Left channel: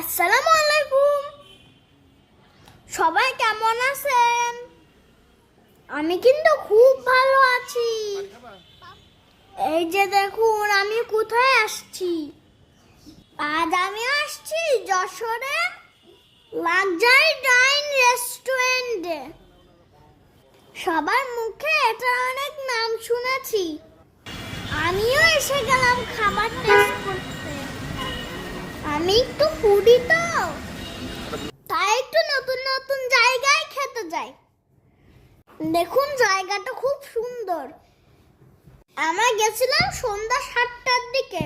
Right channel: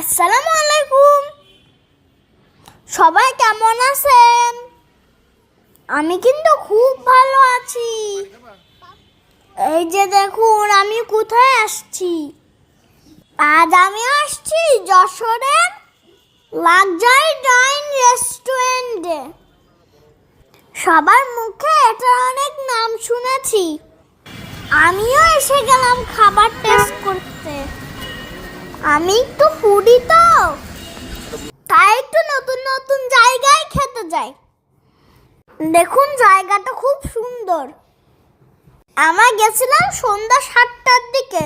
আসসালামু আলাইকুম। সবাই কেমন আছেন? আমি কিন্তু খুব ভালো আছি। এই যে দেখুন, আমি কোথায় আসছি? আজ আমি আসছি যশোরের লাক্সারি ডাইন রেস্টুরেন্টে। সবার মুখে এটা অনেক নাম শুনেছি। আমিও এসে গেলাম খাবার টেস্ট আমি একটু ফুডি তো। তাই একটু নতুন নতুন জায়গায় খেতে যাই। দেখুন জায়গাটা খুব সুন্দর। আমরা গেছিলাম সন্ধ্যা সাতটার দিকে।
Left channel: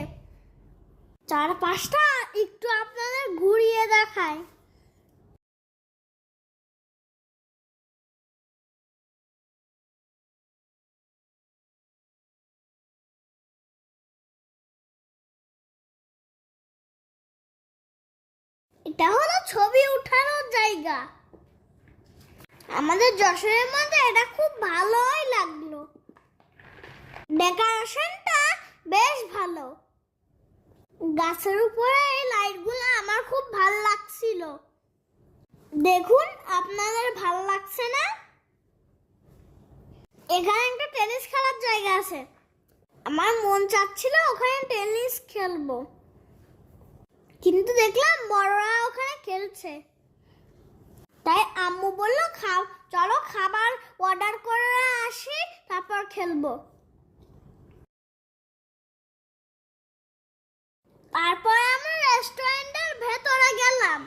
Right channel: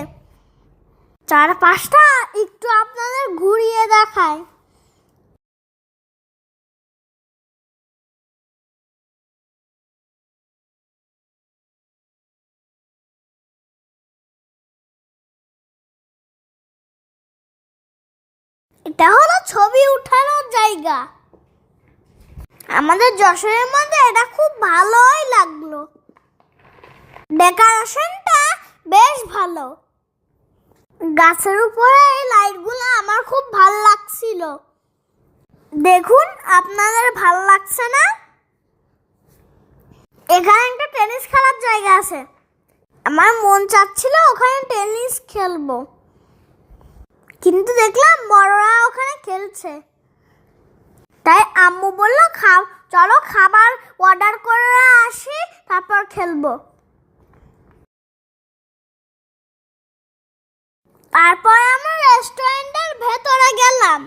চার পাঁচটা একটু আপনাদের ঘুরিয়ে দেখায়। এটা হলো ছবি উঠানোর জায়গা। আমাদের যশোরের মধ্যে এটা খুব ভালোই লাগল। ডেকোরেশনটা বেশ ভালো। গাছের উপরে এই লাইটগুলো আমার খুব ভালো লাগছিল। দেখুন, আপনাদের ভালো লাগছে না? এখানে একটা টেনিস খেলার জায়গা আছে। আমার মন চাচ্ছিল ওখানে টেনিস খেলব। কিন্তু দেখলাম বড়রা ওখানে খেলছে। তাই আম্মু বলল, খাও, চলো খাবার অর্ডার করে আসি, তারপর খেলব। তারপর আমরা রেস্টুরেন্টের ভেতরে গেলাম।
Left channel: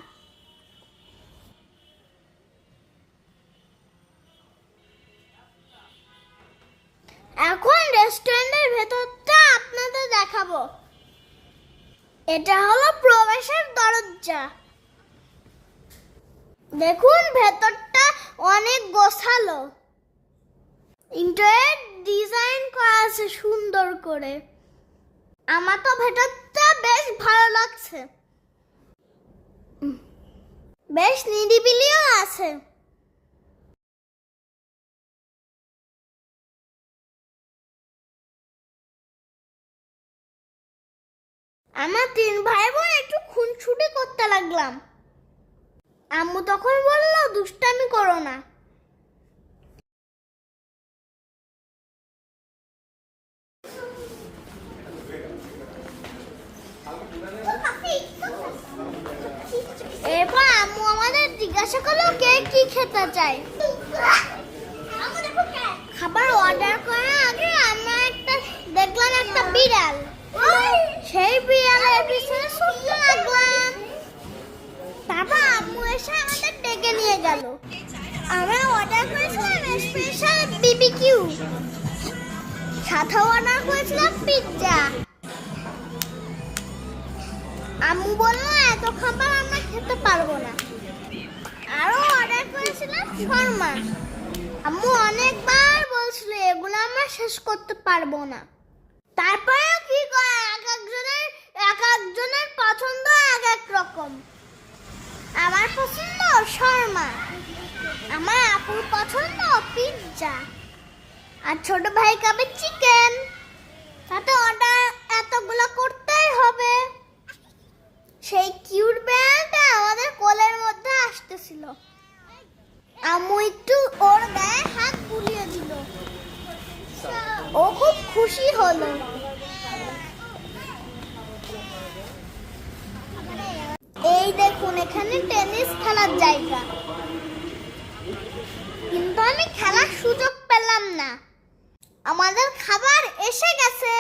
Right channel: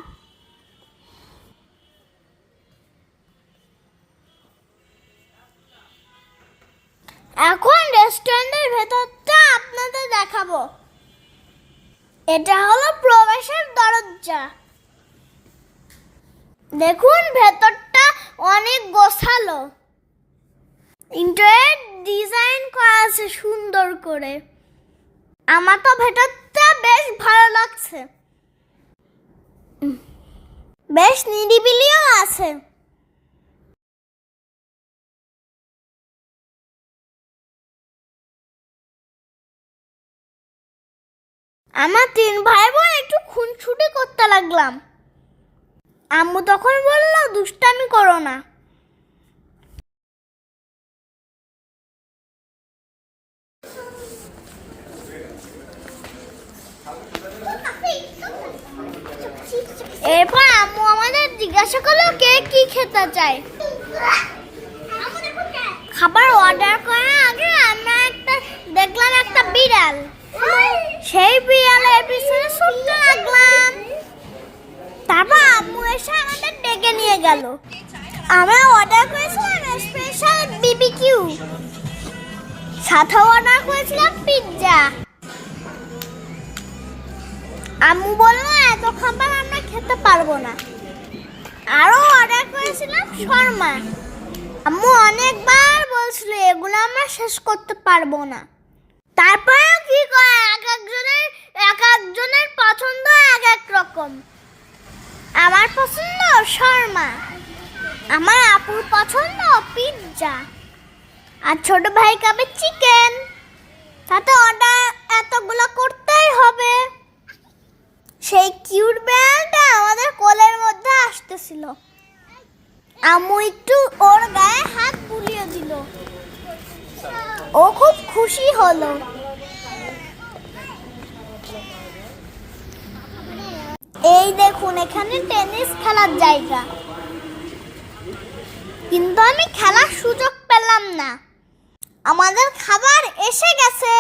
এখন রেস্টুরেন্টের ভেতরটা আপনাদের দেখাবো। এটা হলো প্রবেশের দরজা। দেখুন, ভেতরটা অনেক গোছালো। ইন্টারিয়ার ডিজাইন করা আছে সুন্দর করে। আমার তো ভেতরটা বেশ ভালো লাগছে। বেশ নিরিবিলিও আছে। আমার তিন ভাই বোন একটু খুনছুটি করতে লাগলাম। আম্মু তখন বলল, দুষ্টামি করো না। এরপর আম্মু আমাদের জিজ্ঞাসা করল, কে কি খেতে চায়? খাবার অর্ডার করার আগে আমরা একটা, দেখলাম একটা বিড়াল। সেই তারপর আম্মু এসে আমাদের ডেকে নিয়ে গেল। আমরা অর্ডার করেছিলাম স্পেশাল বিবিকিউ সাথে অর্ডার করেছিলাম পিৎজা আম্মু বলল এত খাবার আমরা খেতে পারব না। আরও অর্ডার করেছিলাম শর্মা। আম্মু অনেকবার বলছিল, এগুলো আমরা শেষ করতে পারব না। তারপরে কি করে? এক একজনের এক একজনের পছন্দ এক রকম আমার পছন্দ শর্মা। আমার আপুর পছন্দ পিৎজা আর ছোট ভাই খাবে চিকেন তাতে অর্ডার এতগুলো করতেই হবে। সেই কিউট বেড়ালটা আমাদের কোলের মধ্যে আসতেছিল। আমু একটু ওর গায়ে হাত বুলিয়ে দিল। ও খুব খুশি হলো এই দেখুন, এখানে টেনিস খেলার জায়গা। কিন্তু আমি খেলার সুযোগ পেলাম না। আমাদের খাবার এসে গেছে।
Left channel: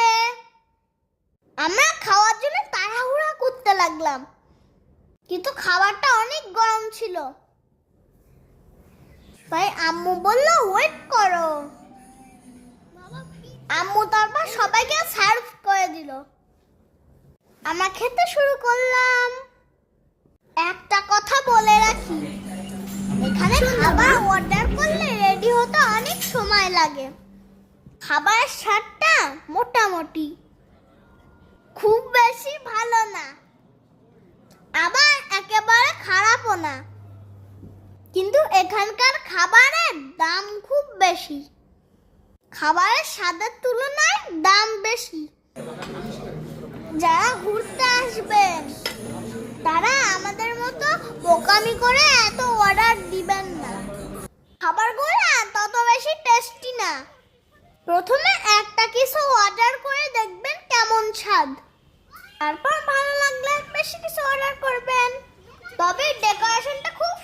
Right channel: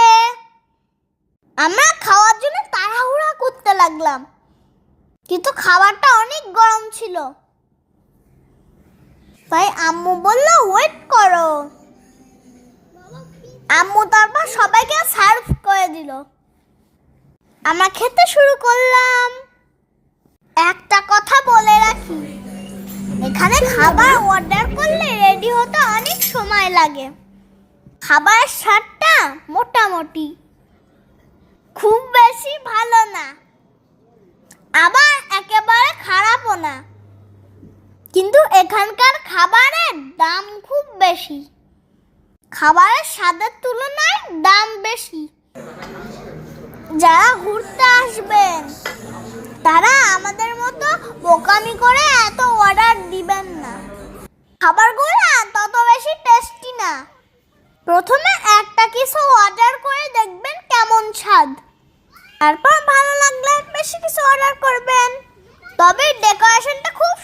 আমরা খাওয়ার জন্য তাড়াহুড়া করতে লাগলাম। কিন্তু খাবারটা অনেক গরম ছিল। তাই আম্মু বলল ওয়েট করো। আম্মু তারপর সবাইকে সার্ভ করে দিল। আমরা খেতে শুরু করলাম। একটা কথা বলে রাখি। এখানে খাবার অর্ডার করলে রেডি হতে অনেক সময় লাগে। খাবারের স্বাদটা মোটামুটি। খুব বেশি ভালো না। আবার একেবারে খারাপও না। কিন্তু এখানকার খাবারের দাম খুব বেশি। খাবারের স্বাদের তুলনায় দাম বেশি। যারা ঘুরতে আসবেন তারা আমাদের মতো বোকামি করে এত অর্ডার দিবেন না। খাবারগুলো তত বেশি টেস্টি না। প্রথমে একটা কিছু অর্ডার করে দেখবেন কেমন স্বাদ। তারপর ভালো লাগলে বেশি কিছু অর্ডার করবেন। তবে ডেকোরেশনটা খুব